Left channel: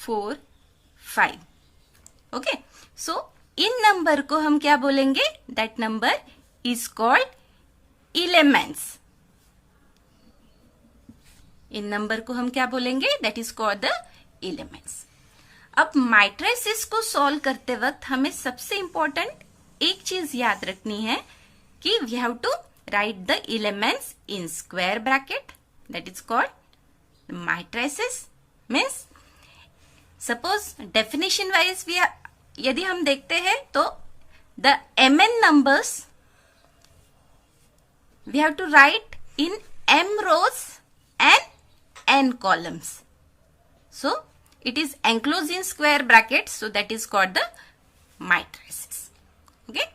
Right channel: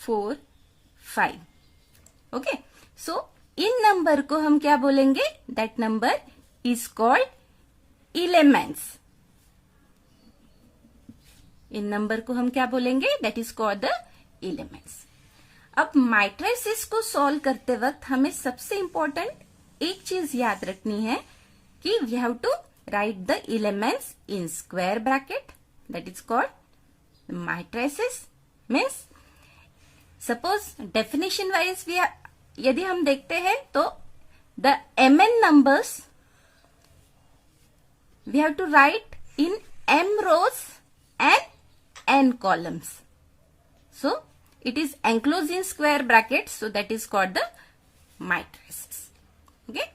4, 5. Okay, सो इन number को हम क्या बोलेंगे? That number is called elements. In number को हम क्या बोलेंगे? That is called the elements. अब मैट्रिसेस को सॉल्व करते वक्त हमें सबसे इंपॉर्टेंट एक चीज याद रखनी है कि we have to write the elements in square bracket. That is called matrices. Means suppose definition wise यदि हम देखते हैं तो the mn numbers we have to write in m rows and n columns. So it is enclosed in square brackets, so that is called the matrices. Okay,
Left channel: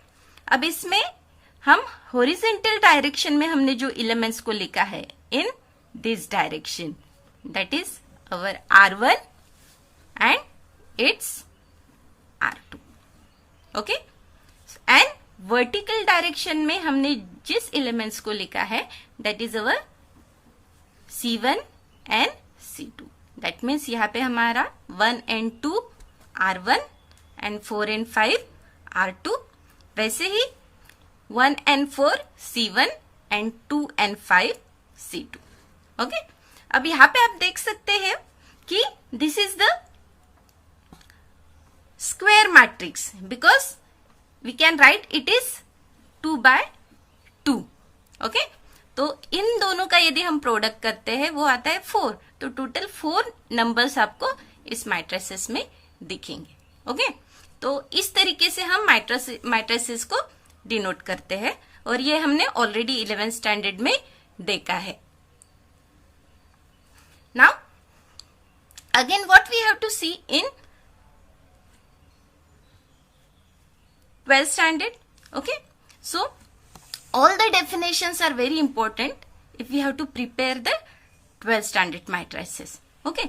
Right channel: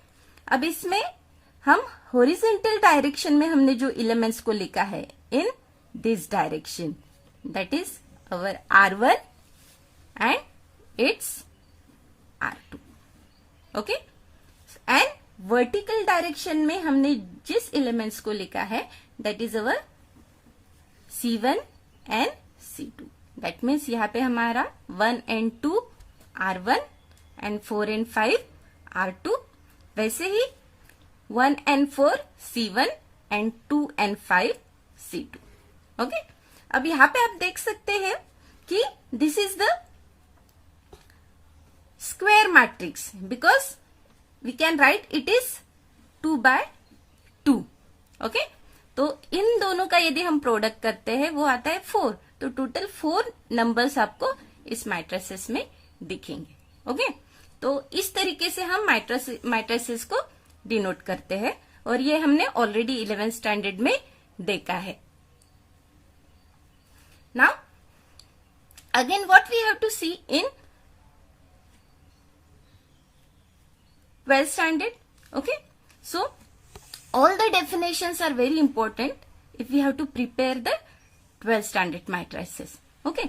अब इसमें हम horizontal direction में हमने जो elements को लिखा है in this direction, that is our R1 and its R2. Okay, and vertical direction में हमने जिस elements को लिखा है that is our C1 and C2. That means यहाँ पे हमारा 1 and 2 R1 and 4 and 5 R2. वैसे ही 1 and 4 C1 and 2 and 5 C2. Okay, अब यहाँ पे आप देख सकते हैं कि this is the square matrix because we can write it is 2/2. Okay, तो इन दोनों का यदि हम प्रोडक्ट करते हैं वो आता है 4. तो टोटल 4 नंबर्स आपको इस मैट्रिसेस में दिखेंगे. ओके, तो इस तरीके से हम मैट्रिसेस को डिनोट करते हैं और ये हमने ऑलरेडी 11th स्टैंडर्ड में देखा है. Now again what we have to see in 12th standard. Okay, so all the definitions are very important if we have to prepare the 12th standard matrices. Okay,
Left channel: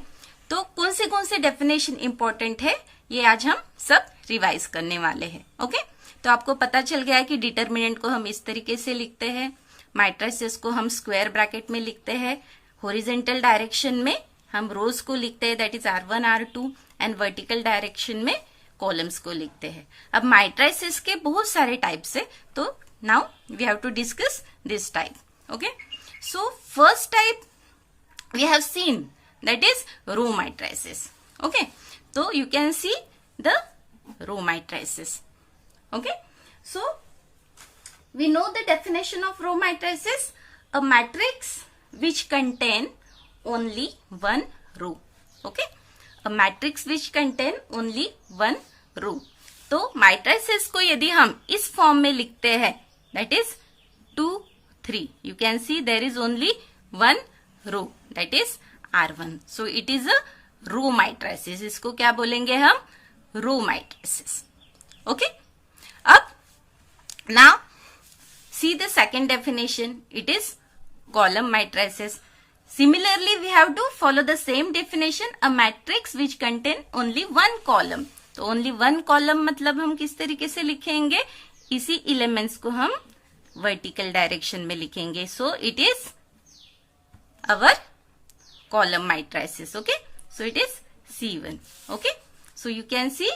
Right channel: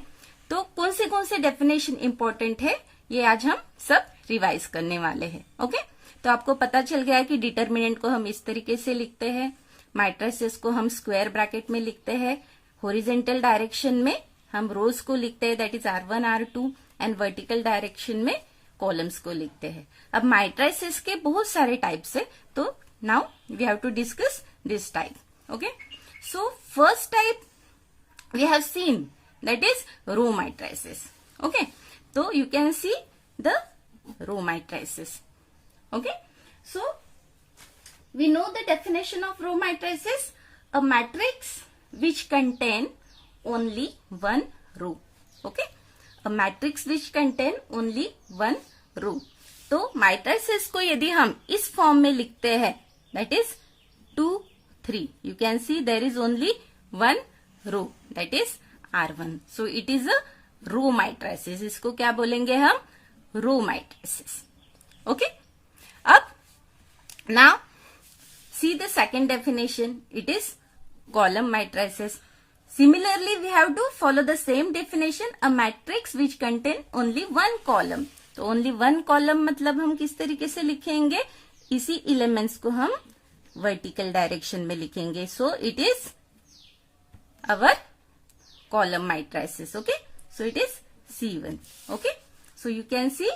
तो कौन से definition important है ये आज हम सब रिवाइज करने वाले हैं. ओके, तो आपको पता चल गया कि डिटर्मिनेंट को हम इस तरीके से लिखते हैं, मैट्रिसेस को हम स्क्वायर ब्रैकेट में लिखते हैं, हॉरिजॉन्टल डायरेक्शन में हम रोज को लिखते हैं that is R1 R2 and vertical direction में कॉलम्स को लिखते हैं. अब मैट्रिसेस के बहुत सारे टाइप्स है, तो now we have to discuss this type. Okay, so first type we have seen that is row matrices. Okay, so you can see the row matrices. Okay, so we know the definition of row matrices: a matrix which contain only one row. Okay, a matrix which contain only one row. तो matrices को यदि हम इस form में लिखते हैं that is 2, 3. You can see there is only one row that is R1. So it is a row matrices. इसको क्या बोलेंगे हम? row matrices. Okay. अब now see the second definition. It is column matrices. Similarly we have to follow the same definition. A matrix which contain only one column. तो only one column मतलब हम किस तरीके से लिखेंगे? इसी एलिमेंट्स को हम वर्टिकल डायरेक्शन में लिखेंगे. So it is our column matrices. Okay, so it is C1. Okay, so you can see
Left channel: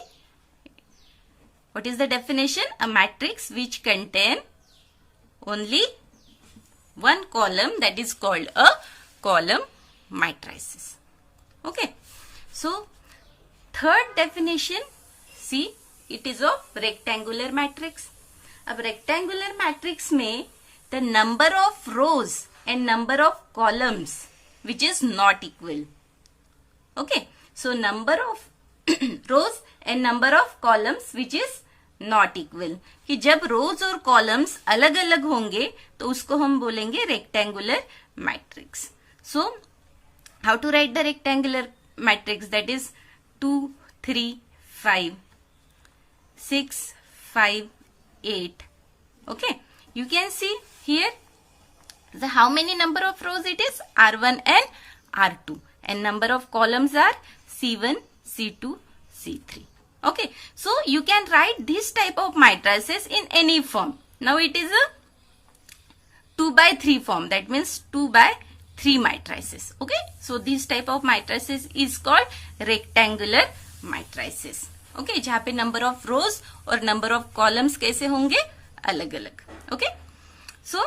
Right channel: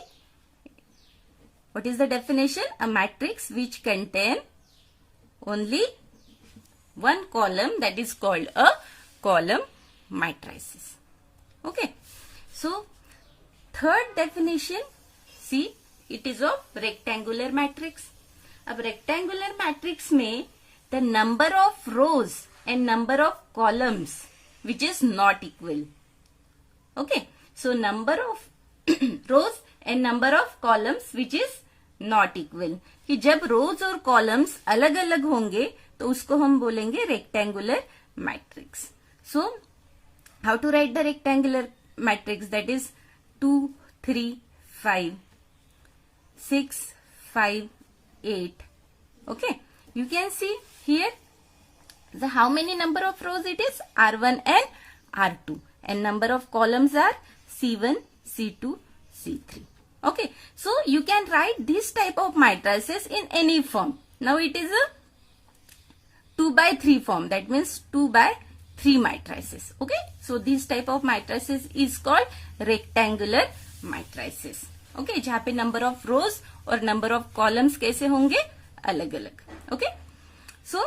what is the definition. A matrix which contain only one column that is called a column matrices. Okay, so third definition see it is of rectangular matrix. अब rectangular matrix में the number of rows and number of columns which is not equal. Okay, so number of rows and number of columns which is not equal, कि जब रोज और columns अलग अलग होंगे तो उसको हम बोलेंगे rectangular matrix. So how to write the rectangular matrix? That is 2, 3, 5, 6, 5, 8. Okay, you can see here the how many number of rows it is? R1 and R2, and number of columns are C1, C2, C3. Okay, so you can write this type of matrices in any form. Now it is a 2/3 form, that means 2/3. 3 matrices. Okay, so this type of matrices is called rectangular matrices. Okay, जहाँ पे number of rows और number of columns कैसे होंगे, अलग अलग. Okay, so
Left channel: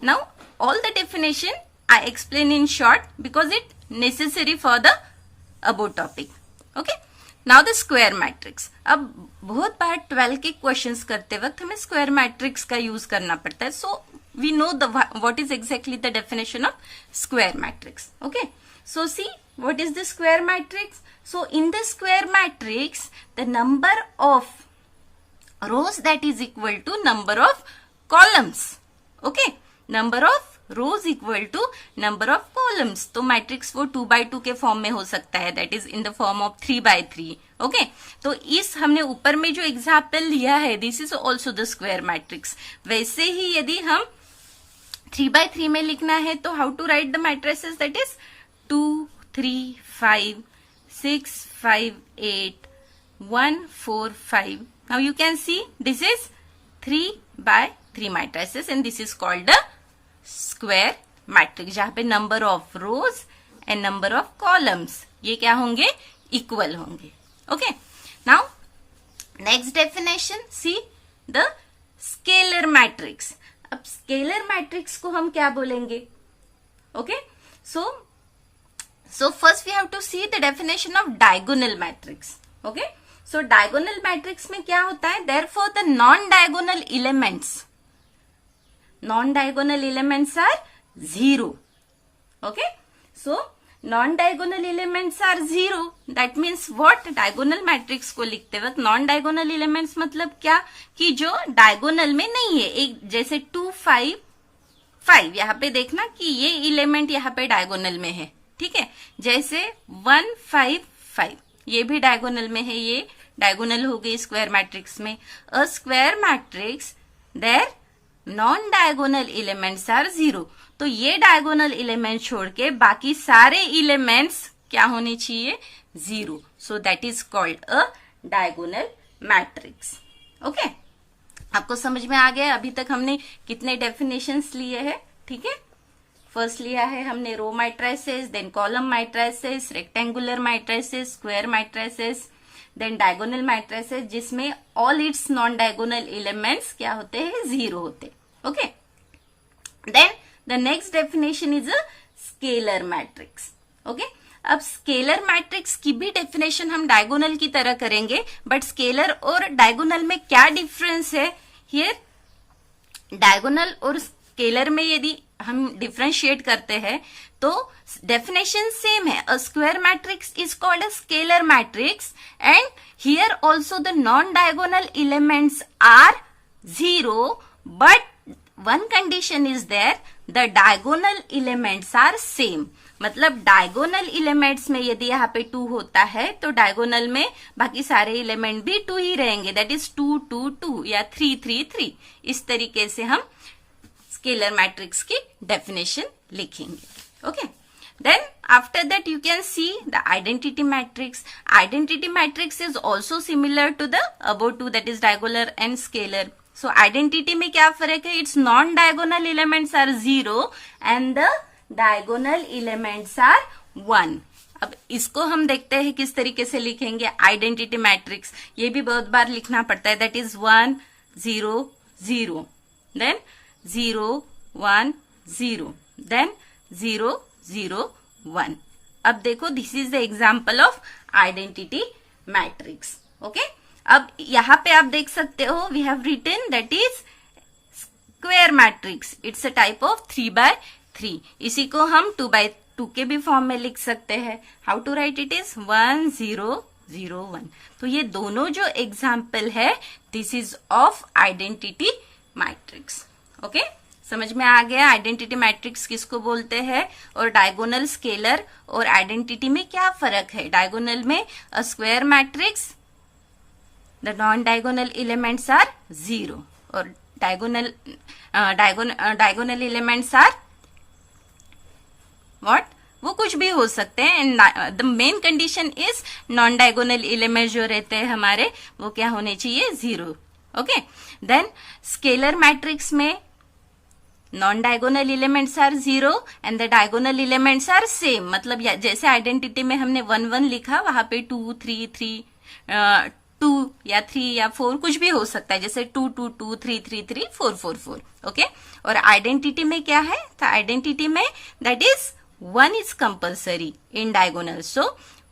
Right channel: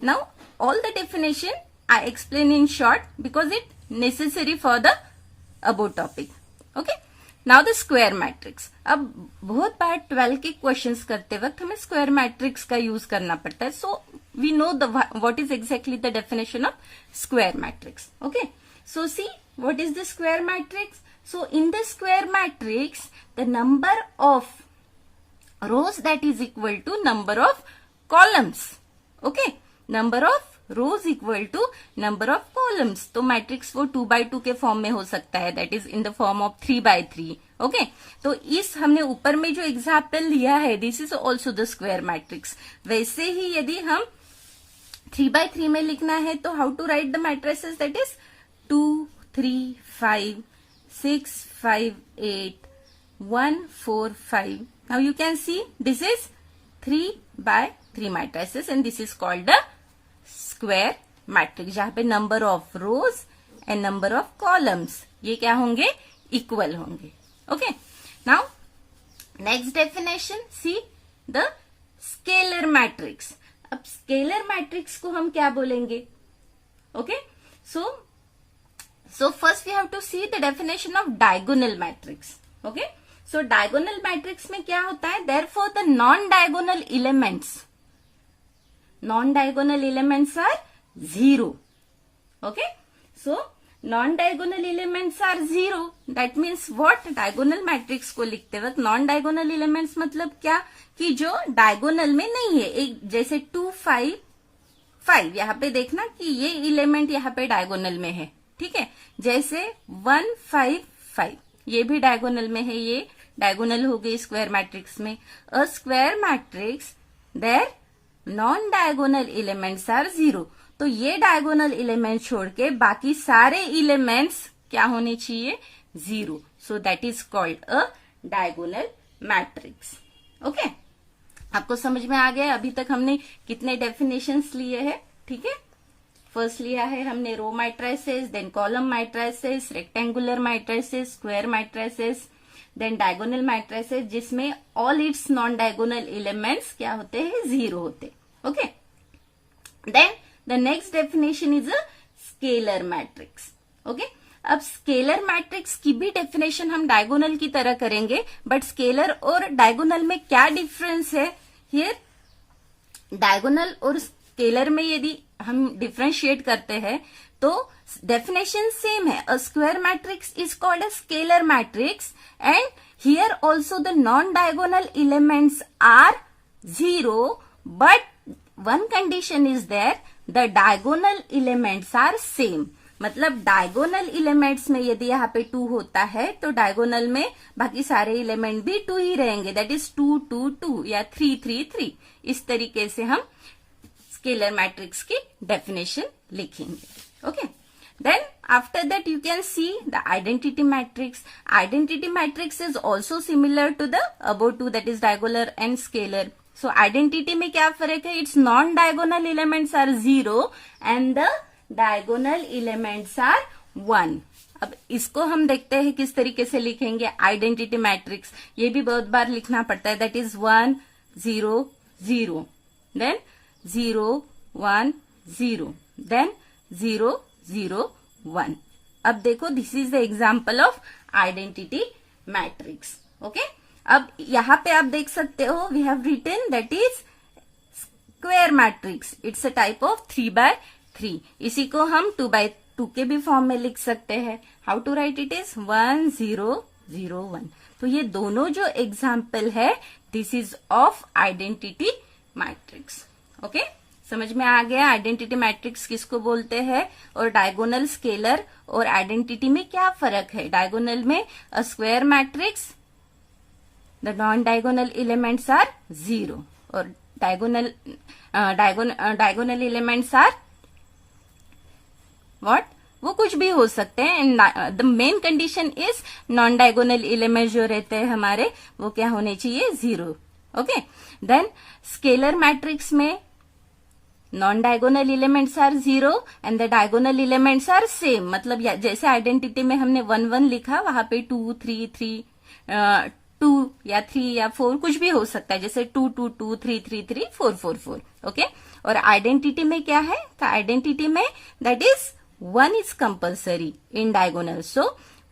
now all the definition I explain in short because it necessary for the above topic. Okay, now the square matrix. अब बहुत बार 12 के क्वेश्चंस करते वक्त हमें स्क्वायर मैट्रिक्स का यूज करना पड़ता है. सो we know what is exactly the definition of square matrix. Okay, so see what is the square matrix. So in the square matrix the number of rows that is equal to number of columns. Okay, number of rows equal to number of columns. तो matrix वो 2x2 के form में हो सकता है, that is in the form of 3x3. Okay, तो इस हमने ऊपर में जो एग्जाम्पल लिया है this is also the square matrix. वैसे ही यदि हम 3x3 में लिखना है तो how to write the matrices, that is 2 3 5 6 5 8 1 4 5. Now you can see this is 3x3 matrices and this is called the square matrix, जहां पे number of rows and number of columns ये क्या होंगे, इक्वल होंगे. Okay, now next definition, see the scalar matrix. अब scalar matrix को हम क्या बोलेंगे. Okay, so first we have to see the definition of diagonal matrix. Okay, so diagonal matrix में क्या होता है, therefore the non diagonal elements are 0. Okay, so non-diagonal elements are 0. That means what, diagonal matrix को लिखते वक्त non diagonal elements मतलब क्या, कि जो डायगोनल में नहीं है. एक जैसे 2 5 5 यहाँ पे देखना कि ये एलिमेंट यहाँ पे डायगोनल में है. ठीक है, जैसे 1 5 5 ये भी डायगोनल में है, ये डायगोनल हो गई स्क्वायर मैट्रिक्स में. A square matrix there non diagonal elements are 0. तो ये डायगोनल एलिमेंट छोड़ के बाकी सारे एलिमेंट्स क्या होने चाहिए, 0. So that is called a diagonal matrix. Okay, आपको समझ में आ गया. अभी तक हमने कितने डेफिनेशंस लिए हैं. ठीक है, फर्स्ट लिया है हमने row matrices, then column matrices, rectangular matrices, square matrices, then diagonal matrices जिसमें all its non diagonal elements क्या होते हैं, 0 होते. Okay, then the next definition is a scalar matrix. Okay, अब स्केलर मैट्रिक्स की भी डेफिनेशन हम डायगोनल की तरह करेंगे, बट स्केलर और डायगोनल में क्या डिफरेंस है. हियर डायगोनल और स्केलर में यदि हम डिफ्रेंशिएट करते हैं तो डेफिनेशन सेम है. A square matrix is called a scalar matrix and here also the non diagonal elements are 0, but one condition is there, the diagonal elements are same. मतलब diagonal elements में यदि यहाँ पे 2 होता है तो डायगोनल में बाकी सारे एलिमेंट भी 2 ही रहेंगे, दैट इज 2 2 2 या 3 3 3. इस तरीके से हम स्केलर मैट्रिक्स की डेफिनेशन लिखेंगे. Okay, then after that you can see the identity matrix. Identity matrix is also similar to the above two, that is diagonal and scalar. So identity में क्या फर्क है, its non diagonal elements are 0 and the diagonal elements are 1. अब इसको हम देखते हैं किस तरीके से लिखेंगे. आइडेंटिटी मैट्रिक्स ये भी बहुत बार लिखना पड़ता है, दैट इज 1 0 0, देन 0 1 0, देन 0 0 1. अब देखो this is the example of identity matrix. Okay, अब यहां पे आप देख सकते हो we have written that is square matrix. It's a type of 3x3. इसी को हम 2x2 के भी फॉर्म में लिख सकते हैं. How to write it is 1 0 0 1. तो ये दोनों जो एग्जाम्पल है this is of identity matrix. Okay, समझ में आ गया आइडेंटिटी मैट्रिक्स किसको बोलते हैं और डायगोनल, स्केलर और आइडेंटिटी में क्या फर्क है. डायगोनल में a square matrix the non diagonal elements are 0 और डायगोनल एलिमेंट्स आर व्हाट, वो कुछ भी हो सकते हैं. And the main condition is non diagonal element जो रहते हैं हमारे वो क्या होने चाहिए, 0. ओके, देन स्केलर मैट्रिक्स में non diagonal elements are 0 and the diagonal elements are same. मतलब जैसे आइडेंटिटी में हमने 1 1 लिखा, वहां पे 2 3 3 2 या 3 या 4 कुछ भी हो सकता है, जैसे 2 2 2 3 3 3 4 4 4। ओके, और आइडेंटिटी में क्या है? तो आइडेंटिटी में that is 1 is compulsory in diagonal. So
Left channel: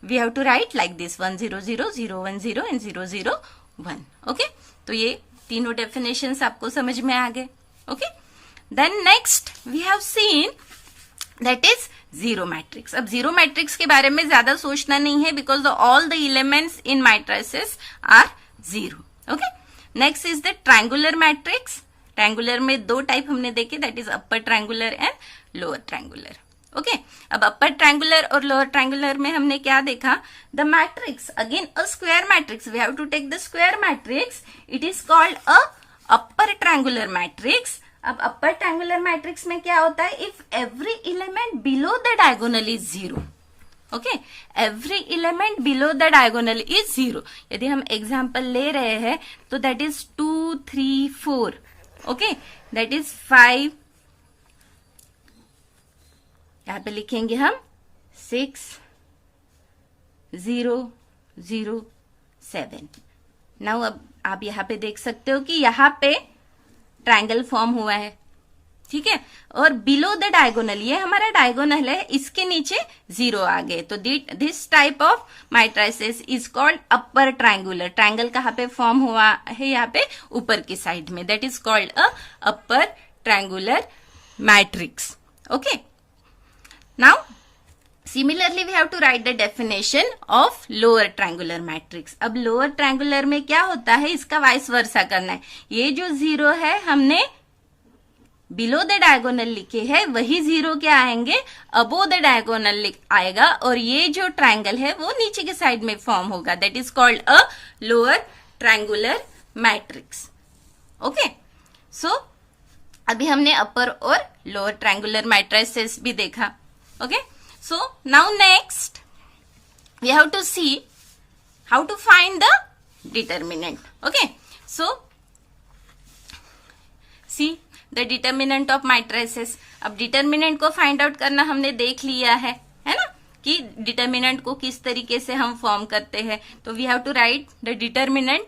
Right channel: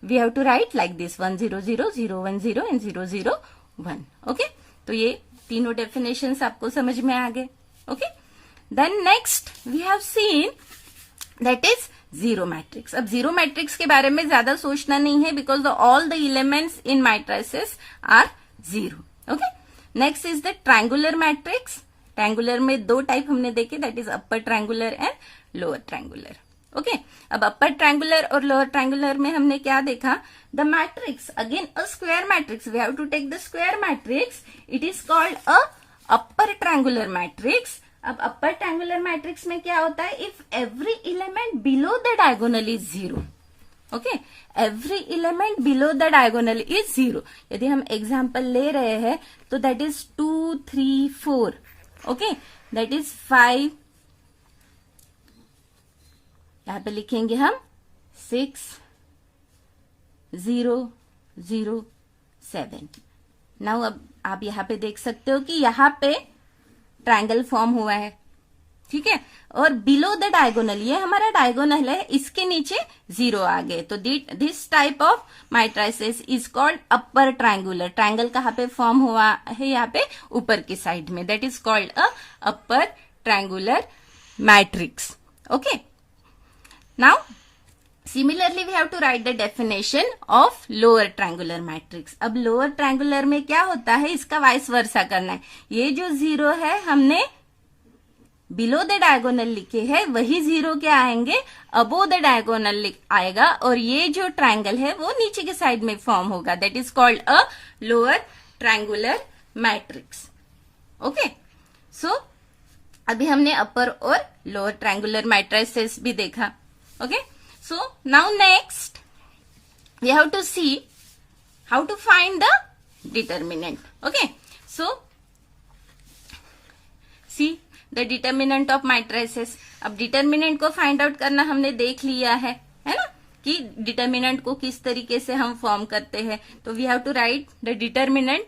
we have to write like this 1 0 0 0 1 0 and 0 0 1. Okay, तो ये तीनों definitions आपको समझ में आ गए. Okay, then next we have seen that is zero matrix. अब zero matrix के बारे में ज्यादा सोचना नहीं है because all the elements in matrices are zero. Okay, next is the triangular matrix. Triangular में दो टाइप हमने देखे, that is upper triangular and lower triangular. Okay, अब अपर ट्रायंगुलर और लोअर ट्रायंगुलर में हमने क्या देखा? The matrix, again a square matrix, we have to take the square matrix. It is called a upper triangular matrix. अब upper triangular matrix में क्या होता है? If every element below the diagonal is 0. Okay, every element below the diagonal is 0. यदि हम example ले रहे हैं तो that is 2 3 4. Okay, that is 5, यहां पे लिखेंगे हम 6 0 0 7. नाउ अब आप यहां पे देख सकते हो कि यहां पे ट्रायंगल फॉर्म हुआ है, ठीक है, और बिलो द डायगोनल, ये हमारा डायगोनल है, इसके नीचे 0 आ गए. तो this type of matrices is called upper triangular. Triangle कहाँ पे फॉर्म हुआ है? यहाँ पे ऊपर की साइड में, that is called a upper triangular matrix. Okay, now similarly we have to write the definition of lower triangular matrix. अब लोअर ट्रायंगुलर में क्या होता है? इसका वाइस वर्सा करना है. ये जो 0 है हमने बिलो द डायगोनल लिखे हैं, वही 0 क्या आएंगे? अबो द डायगोनल आएगा, और ये जो ट्रायंगल है वो नीचे के साइड में फॉर्म होगा. That is called a lower triangular matrix. Okay, so अभी हमने अपर और लोअर ट्रायंगुलर मैट्रिसेस भी देखा. Okay, so now next we have to see how to find the determinant. Okay, so see the determinant of matrices. अब determinant को find out करना हमने देख लिया है ना, कि डिटर्मिनेंट को किस तरीके से हम फॉर्म करते हैं. तो we have to write the determinant